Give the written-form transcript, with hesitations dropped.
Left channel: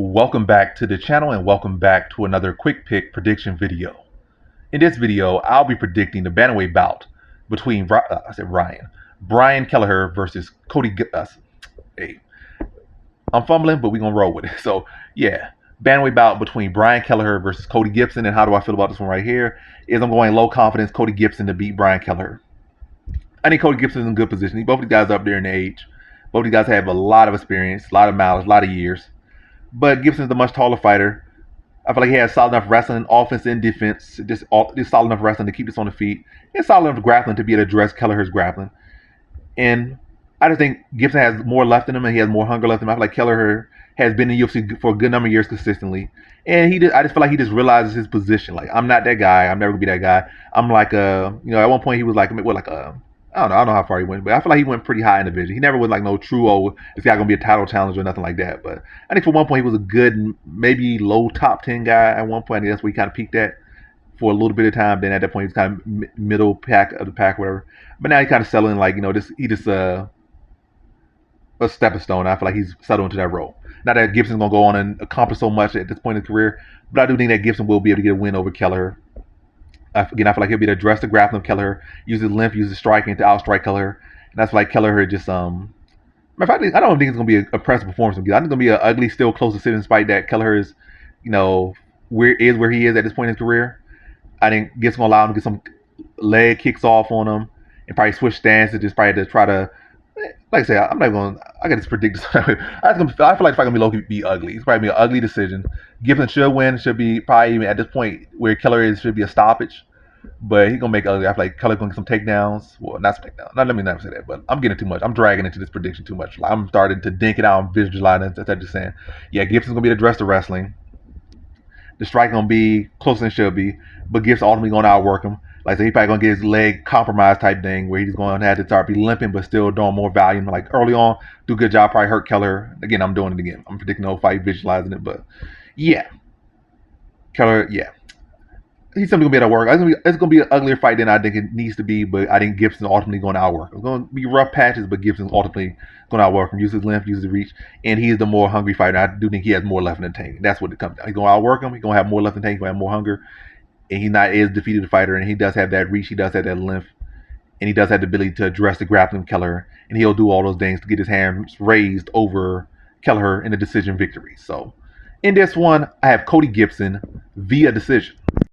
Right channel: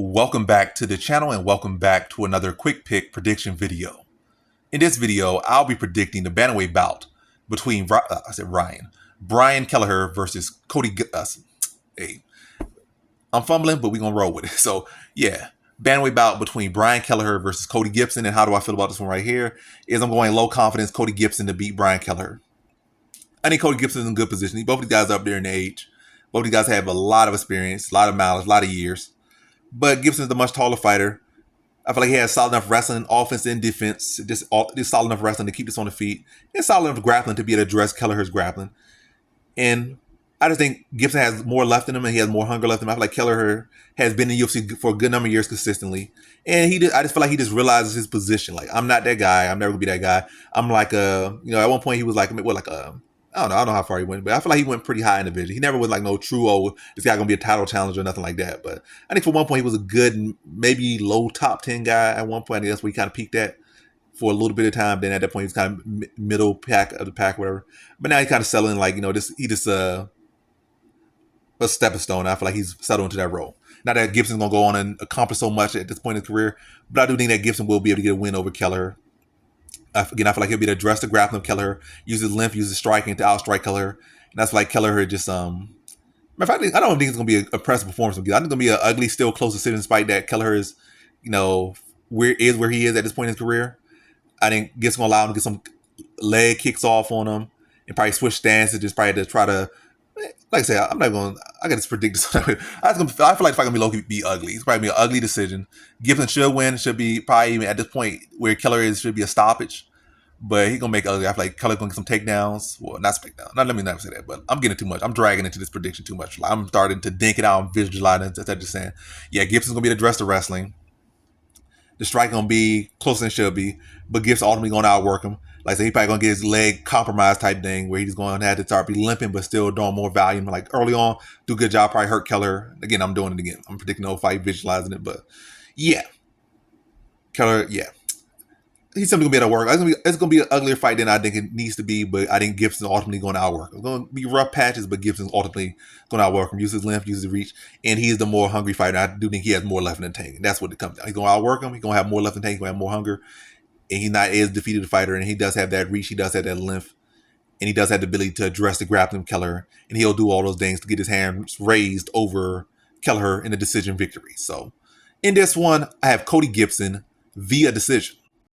Welcome back to the channel and welcome back to another quick pick prediction video. In this video, I'll be predicting the bantamweight bout between Brian Kelleher versus Cody Gibson. Hey, I'm fumbling, but we're gonna roll with it. So yeah, bantamweight bout between Brian Kelleher versus Cody Gibson. And how do I feel about this one right here? Is I'm going low confidence Cody Gibson to beat Brian Kelleher. I think Cody Gibson's in good position. Both of these guys are up there in age. Both of these guys have a lot of experience, a lot of mileage, a lot of years. But Gibson's a much taller fighter. I feel like he has solid enough wrestling, offense and defense. Just solid enough wrestling to keep this on the feet, and solid enough grappling to be able to address Kelleher's grappling. And I just think Gibson has more left in him, and he has more hunger left in him. I feel like Kelleher has been in the UFC for a good number of years consistently, and I just feel like he just realizes his position. Like, I'm not that guy. I'm never gonna be that guy. I'm like at one point he was like I don't know how far he went, but I feel like he went pretty high in the division. He never was like no true this guy gonna be a title challenger or nothing like that. But I think for one point he was a good, maybe low top 10 guy at one point. I think that's where he kind of peaked at for a little bit of time. Then at that point he was kind of middle pack of the pack, whatever. But now he kind of settling a stepping stone. I feel like he's settled into that role. Not that Gibson's gonna go on and accomplish so much at this point in his career, but I do think that Gibson will be able to get a win over Kelleher. Again, I feel like he'll be able to address the grappling of Kelleher, use his length, use his striking to outstrike Kelleher. And that's like Kelleher just I don't think it's gonna be an impressive performance from Gibson. I think it's gonna be an ugly, still close decision despite that Kelleher is, where he is at this point in his career. I think Gibson's gonna allow him to get some leg kicks off on him and probably switch stances, just probably to try to, like I say, I got this predict. I feel like the fight gonna be low-key be ugly. It's probably be an ugly decision. Gibson should win. Should be probably even at this point where Kelleher is should be a stoppage. But he's gonna make it ugly. I feel like Kelleher's gonna get some takedowns. Well, not some takedowns. Let me not say that, but I'm getting too much. I'm dragging into this prediction too much. I'm starting to dink it out and visualize it instead of just saying, yeah, Gibson's gonna be the dress of wrestling. The strike gonna be closer than it should be, but Gibson ultimately gonna outwork him. Like I said, he probably gonna get his leg compromised type thing where he's gonna have to start be limping but still doing more volume. Like early on, do a good job, probably hurt Kelleher. Again, I'm doing it again. I'm predicting the whole fight, visualizing it, but yeah. Kelleher, yeah. He's simply gonna be able to work. It's gonna be an uglier fight than I think it needs to be, but I think Gibson's ultimately gonna outwork. It's gonna be rough patches, but Gibson's ultimately gonna outwork him. Use his length, use his reach, and he's the more hungry fighter. I do think he has more left in the tank. That's what it comes down. He's gonna outwork him. He's gonna have more left in the tank. He's gonna have more hunger, and he's not as defeated a fighter. And he does have that reach. He does have that length, and he does have the ability to address the grappling of Kelleher. And he'll do all those things to get his hands raised over Kelleher in a decision victory. So, in this one, I have Cody Gibson via decision.